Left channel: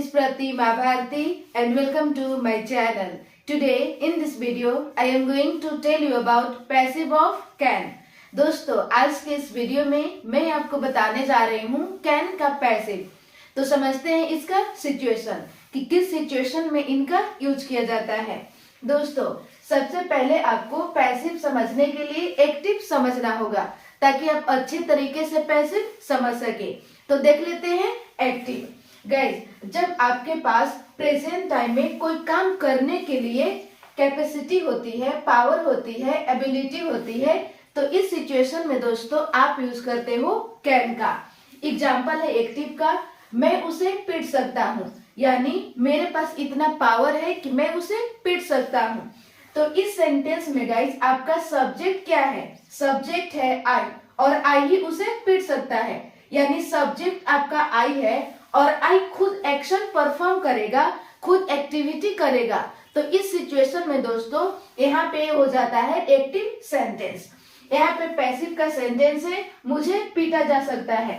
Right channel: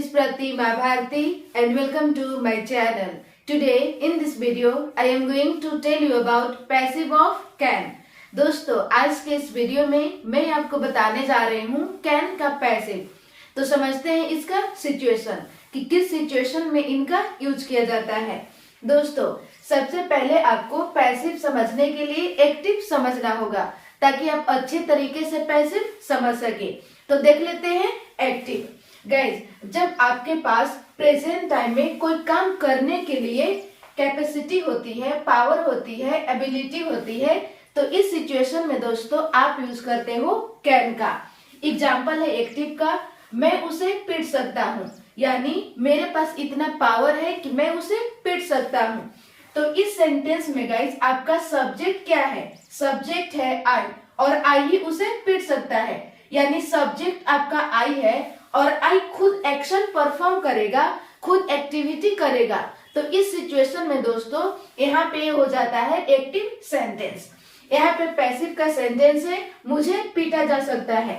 is Pratima Bharti and welcome to my channel. Today in this video I am going to tell you about passive of can. दोस्तों आज के इस video में मैं आपको बताने जा रही हूँ कैन का पैसिव। तो समझते हैं इसका सिचुएशन कि किस सिचुएशन में इनका यूज किया जाता है। दोस्तों सबसे पहले आपको पैसिव समझने के लिए एक्टिव समझना होगा ताकि आप अच्छे तरीके से पैसिव समझ सके। तो देख लेते हैं एक्टिव। गाइस, जब आपके पास प्रेजेंट टाइम में कोई काम करने के लिए कैपेसिटी होती है, पावर होती है, एबिलिटी होती है, तो इस सिचुएशन में दोस्तों आप यूज करते हो कैन का। एग्जाम्पल है एक्टिव का, मैं उसे पीट सकता हूँ, यानी मेरे पास इतना पावर है कि मैं उसे पीट सकता हूँ। तो इस सेंटेंस में गाइस आपका सब्जेक्ट क्या है? सब्जेक्ट है आई, और आई ही उसे पीट सकता है, यानी सब्जेक्ट आपका आई है और आई खुद एक्शन परफॉर्म करेगा, खुद एक्टिविटी करेगा। तो इस सिचुएशन में दोस्तों यहाँ पे हो जाता है एक्टिव सेंटेंस। यहाँ पे पैसिव का सेंटेंस है मुझे पीटा जा सकता है।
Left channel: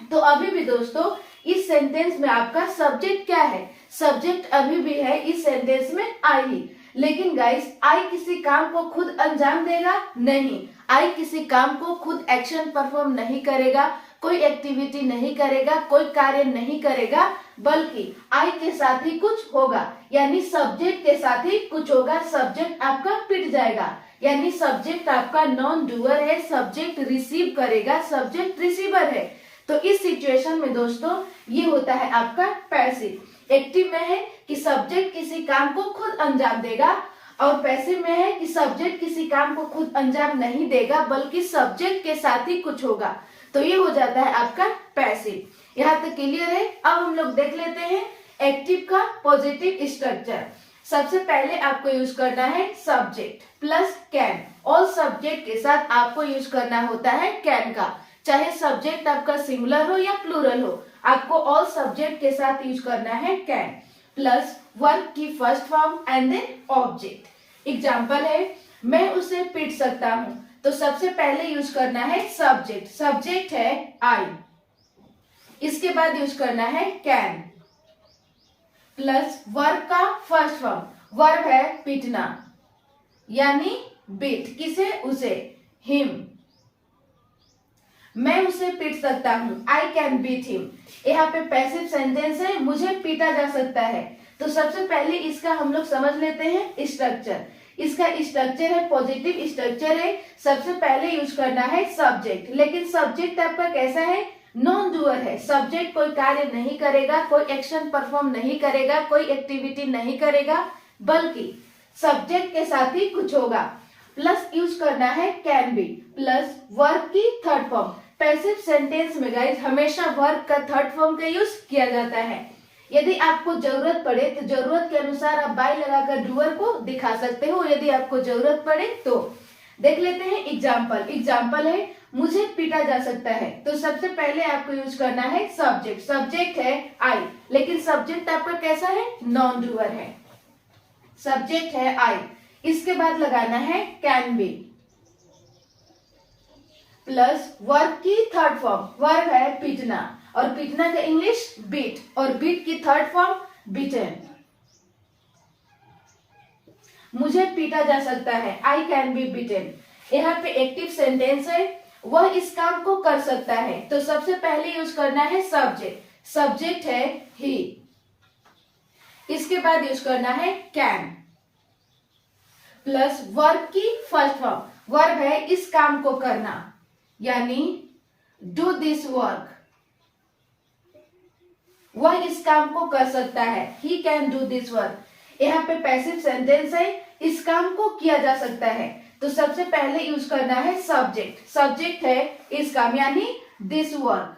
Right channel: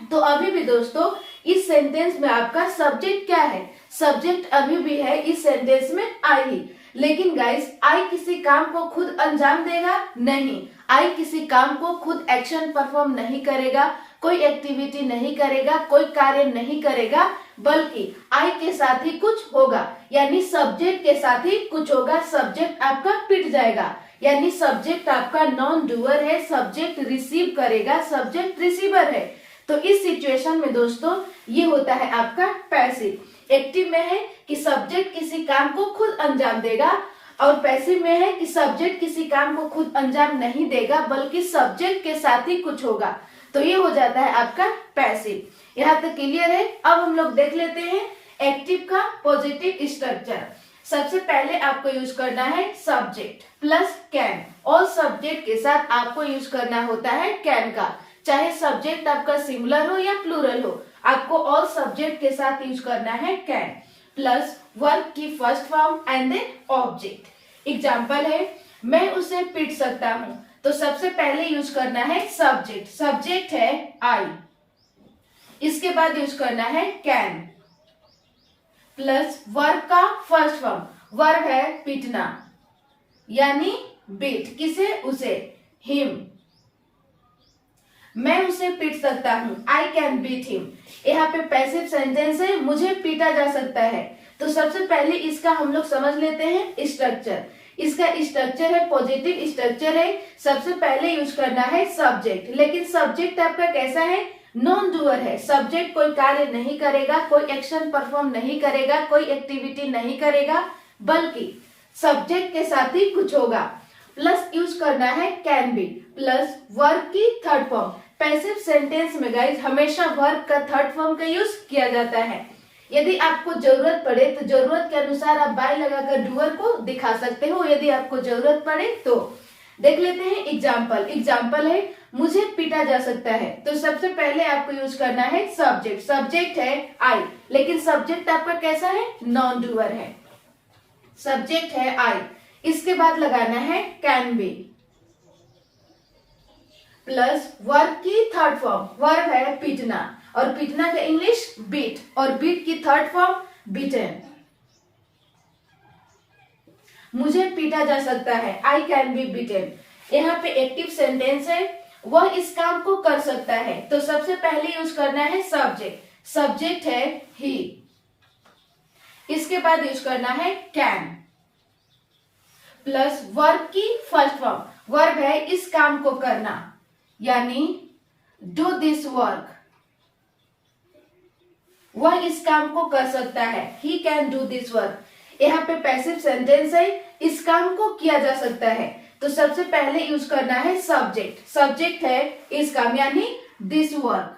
तो अभी भी दोस्तों इस सेंटेंस में आपका सब्जेक्ट क्या है? सब्जेक्ट अभी भी है इस सेंटेंस में आई ही। लेकिन गाइस आई किसी काम को खुद अंजाम देगा? नहीं, आई किसी काम को खुद एक्शन परफॉर्म नहीं करेगा, कोई एक्टिविटी नहीं करेगा, कोई कार्य नहीं करेगा, बल्कि आई के साथ ही कुछ होगा, यानी सब्जेक्ट के साथ ही कुछ होगा। सब्जेक्ट आपका पिट जाएगा, यानी सब्जेक्ट आपका नॉन डूअर है, सब्जेक्ट रिसीव करेगा, सब्जेक्ट रिसीवर है। तो इस सिचुएशन में दोस्तों ये होता है आपका पैसिव। एक्टिव में है कि सब्जेक्ट किसी काम को खुद अंजाम देगा, और पैसिव में है कि सब्जेक्ट किसी काम को खुद अंजाम नहीं देगा, बल्कि सब्जेक्ट के साथ ही कुछ होगा। तो ये हो जाता है आपका पैसिव। यहाँ तक क्लियर है? अब हम लोग देख लेते हैं एक्टिव का पॉजिटिव स्ट्रक्चर। सबसे पहले आपको यूज करना है सब्जेक्ट प्लस कैन, और सब्जेक्ट के साथ आपको यूज करना होता है कैन का। चाहे सब्जेक्ट आपका सिंगुलर हो या प्लूरल हो, आपको ऑल सब्जेक्ट के साथ यूज करना है कैन, प्लस वर्ब की first form and then object. Example है मैं उसे पीट सकता हूँ, तो सबसे पहले यूज करना है सब्जेक्ट। सब्जेक्ट है आई, इसके बाद यूज करना है कैन, प्लस वर्ब का फर्स्ट फॉर्म। वर्ब है पीटना, यानी बीट, किसे? उसे, हिम। मैं उसे पीट सकता हूँ, आई कैन बीट हिम। यहाँ पे पैसिव सेंटेंस है मुझे पीटा जा सकता है। तो सबसे पहले इसका हम लोग समझ लेते हैं स्ट्रक्चर। इसका स्ट्रक्चर है पॉजिटिव स्ट्रक्चर है। सबसे पहले यूज करना है सब्जेक्ट, लेकिन सब्जेक्ट आपका कैसा है? नॉन डूअर है। सब्जेक्ट कोई कार्य नहीं करेगा, कोई एक्शन परफॉर्म नहीं करेगा, कोई एक्टिविटी नहीं करेगा, बल्कि सब्जेक्ट के साथ ही कुछ होगा। प्लस यूज करना है कैन बी, प्लस वर्ब की थर्ड फॉर्म। पैसिव सेंटेंस में गाइस हमेशा वर्ब का थर्ड फॉर्म का यूज किया जाता है। यदि आपको जरूरत पड़े तो जरूरत के अनुसार आप बाय लगाकर डूअर को दिखा सकते हो, यदि आपको जरूरत पड़े तो। देख लेते हैं एग्जाम्पल। एग्जाम्पल है मुझे पीटा जा सकता है, तो सबसे पहले आपको यूज करना है सब्जेक्ट। सब्जेक्ट है आई, लेकिन सब्जेक्ट आपका कैसा है? नॉन डूअर है। सब्जेक्ट है आई, इसके बाद लगाना है कैन बी, प्लस वर्ब की थर्ड फॉर्म। वर्ब है पीटना, और पीटना का इंग्लिश बीट, और बीट की थर्ड फॉर्म बीटन। मुझे पीटा जा सकता है, आई कैन बी बीटन। यहाँ पे एक्टिव सेंटेंस है, वह इस काम को कर सकता है। तो सबसे पहले यूज करना है सब्जेक्ट। सब्जेक्ट है ही, इसके बाद यूज करना है कैन, प्लस वर्ब की फर्स्ट फॉर्म। वर्ब है इस काम को करना, यानी डू दिस वर्क। वह इस काम को कर सकता है, he can do this work. यहाँ पे पैसिव सेंटेंस है इस काम को किया जा सकता है। तो सबसे पहले यूज करना है सब्जेक्ट। सब्जेक्ट है इस काम, यानी दिस वर्क।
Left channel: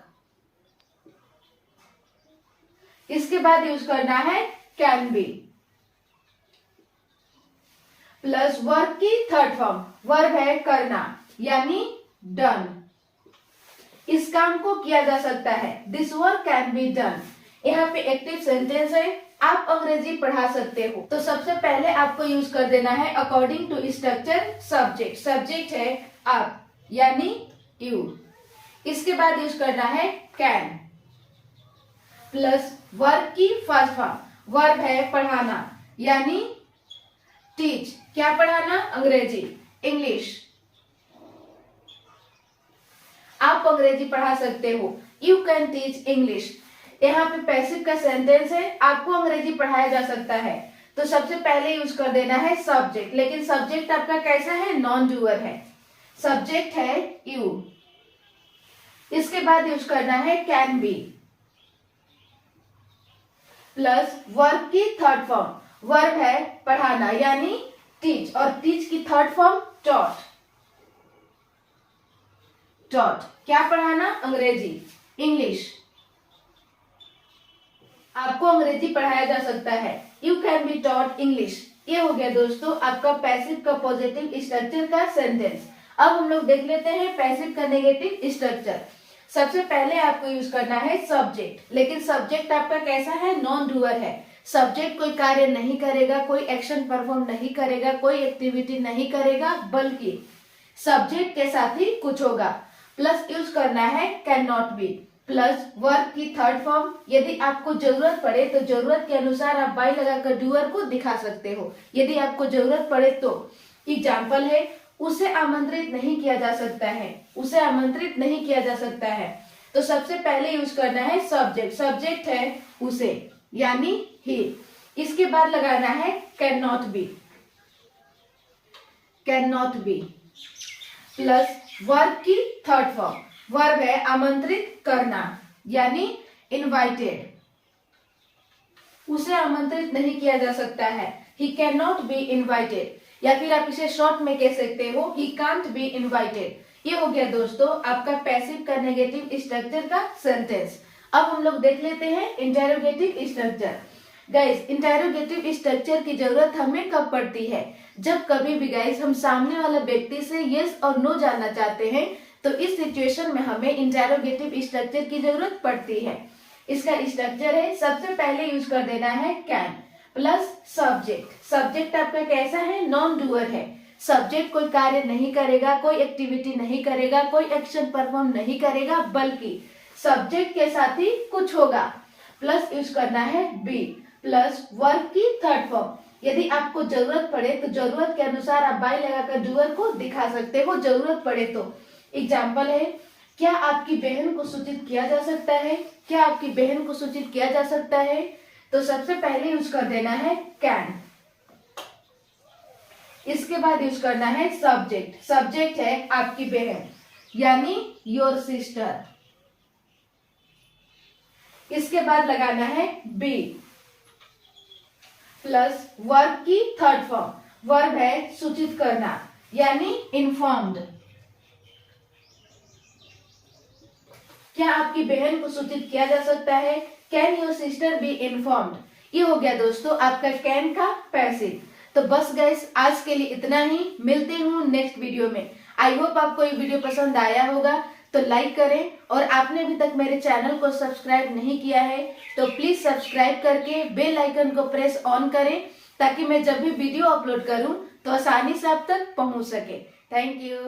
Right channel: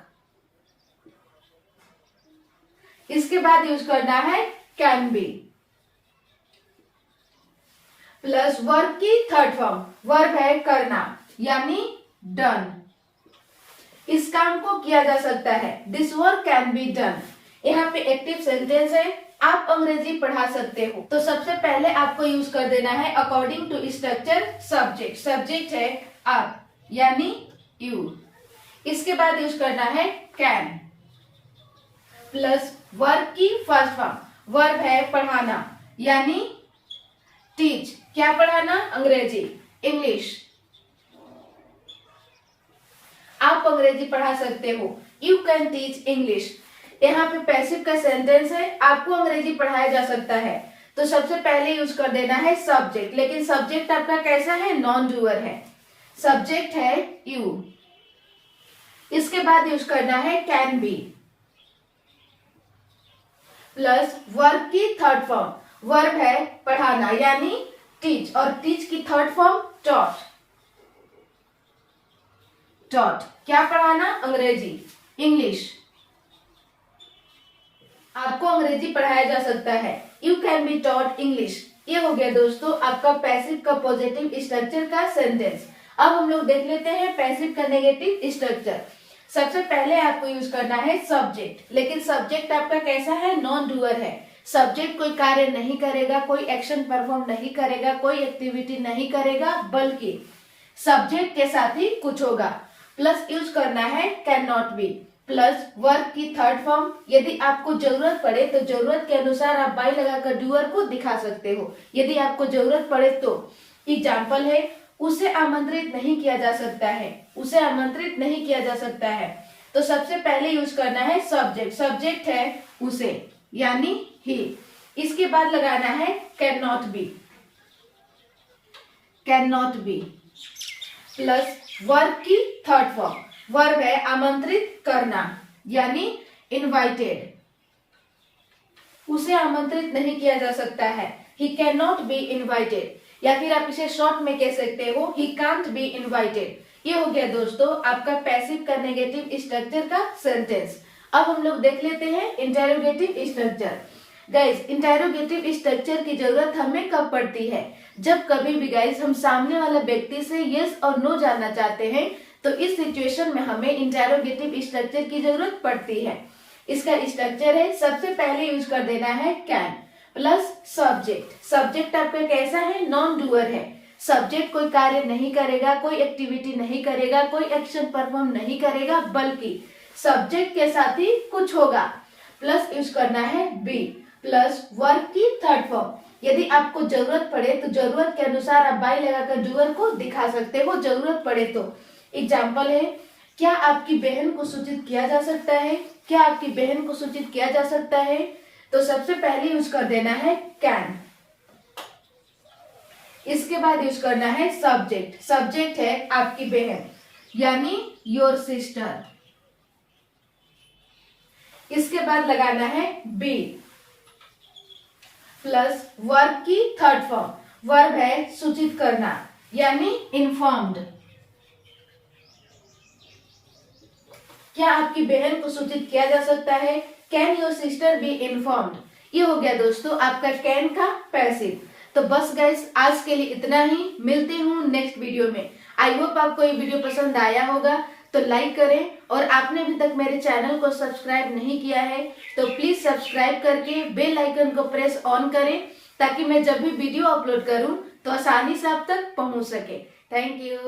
इसके बाद यूज करना है कैन बी, प्लस वर्ब की थर्ड फॉर्म। वर्ब है करना, यानी डन। इस काम को किया जा सकता है, this work can be done. यहाँ पे एक्टिव सेंटेंस है, आप अंग्रेजी पढ़ा सकते हो। तो सबसे पहले आपको यूज कर देना है according to structure subject. Subject है आप, यानी यू। इसके बाद यूज करना है कैन, प्लस वर्ब की फर्स्ट फॉर्म, वर्ब है पढ़ाना यानी टीच। क्या पढ़ाना? अंग्रेजी, इंग्लिश। आप अंग्रेजी पढ़ा सकते हो, यू कैन टीच इंग्लिश। यहाँ पे पैसिव का सेंटेंस है, आपको अंग्रेजी पढ़ाया जा सकता है। तो सबसे पहले यूज कर देना है सब्जेक्ट, लेकिन सब्जेक्ट आपका कैसा है? नॉन डूअर है, सब्जेक्ट है यू। इसके बाद यूज करना है कैन बी प्लस वर्ब की थर्ड फॉर्म, वर्ब है पढ़ाना यानी टीच, और टीच की थर्ड फॉर्म टॉट। टॉट क्या पढ़ाना? अंग्रेजी, इंग्लिश। आपको अंग्रेजी पढ़ाया जा सकता है, you can be taught English. ये हो गया दोस्तों आपका पैसिव का पॉजिटिव स्ट्रक्चर का सेंटेंस। अब हम लोग देख लेते हैं पैसिव का नेगेटिव स्ट्रक्चर। सबसे पहले आपको यूज करना है सब्जेक्ट, लेकिन सब्जेक्ट आपका कैसा है? नॉन डूअर है। सब्जेक्ट कोई कार्य नहीं करेगा, कोई एक्शन परफॉर्म नहीं करेगा, कोई एक्टिविटी नहीं करेगा, बल्कि सब्जेक्ट के साथ ही कुछ होगा। प्लस यूज करना है can not be plus verb की थर्ड फॉर्म। यदि आपको जरूरत पड़े तो जरूरत के अनुसार आप बाई लगाकर डूअर को दिखा सकते हो। यदि आपको जरूरत पड़े तो एग्जाम्पल है उसे आमंत्रित नहीं किया जा सकता है, उसे आमंत्रित नहीं किया जा सकता है। तो सबसे पहले यूज करना है सब्जेक्ट, सब्जेक्ट है उसे यानी ही। इसके बाद लगाना है can not be, can not be plus verb की थर्ड फॉर्म, वर्ब है आमंत्रित करना यानी इनवाइटेड, उसे आमंत्रित नहीं किया जा सकता है, he can not be invited. या फिर आप इसे शॉर्ट में कह सकते हो ही कांट बी इनवाइटेड। ये हो गया दोस्तों आपका पैसिव का नेगेटिव स्ट्रक्चर का सेंटेंस। अब हम लोग देख लेते हैं interrogative structure. Guys interrogative structure की जरूरत हमें कब पड़ती है? जब कभी भी गाइस हम सामने वाले व्यक्ति से यस और नो जानना चाहते हैं, तो इस सिचुएशन में हमें इंटेरोगेटिव स्ट्रक्चर की जरूरत पड़ती है। इसका स्ट्रक्चर है, सबसे पहले यूज कर देना है कैन प्लस सब्जेक्ट। सब्जेक्ट आपका कैसा है? नॉन डूअर है। सब्जेक्ट कोई कार्य नहीं करेगा, कोई एक्टिविटी नहीं करेगा, कोई एक्शन परफॉर्म नहीं करेगा, बल्कि सब्जेक्ट के साथ ही कुछ होगा। प्लस यूज करना है बी प्लस वर्ब की थर्ड फॉर्म। यदि आपको जरूरत पड़े तो जरूरत के अनुसार आप बाई लगाकर डूअर को दिखा सकते हो, जरूरत पड़े तो। एग्जाम्पल है क्या आपकी बहन को सूचित किया जा सकता है? क्या आपकी बहन को सूचित किया जा सकता है? तो सबसे पहले यूज कर देना है कैन। इसके बाद यूज करना है सब्जेक्ट, सब्जेक्ट है आपकी बहन यानी योर सिस्टर। इसके बाद लगाना है बी प्लस वर्ब की थर्ड फॉर्म, वर्ब है सूचित करना यानी इन्फॉर्म्ड। क्या आपकी बहन को सूचित किया जा सकता है? Can your sister be informed. ये हो गया दोस्तों आपका कैन का पैसिव। तो बस गाइस आज के लिए इतना ही, मिलते हूँ नेक्स्ट वीडियो में। आई होप आपको ये वीडियो पसंद आया होगा, तो लाइक करें, और आपने अभी तक मेरे चैनल को सब्सक्राइब नहीं किया है तो प्लीज सब्सक्राइब करके बेल आइकन को प्रेस ऑन करें, ताकि मैं जब भी वीडियो अपलोड करूं तो आसानी से आप तक पहुंच सके। Thank you.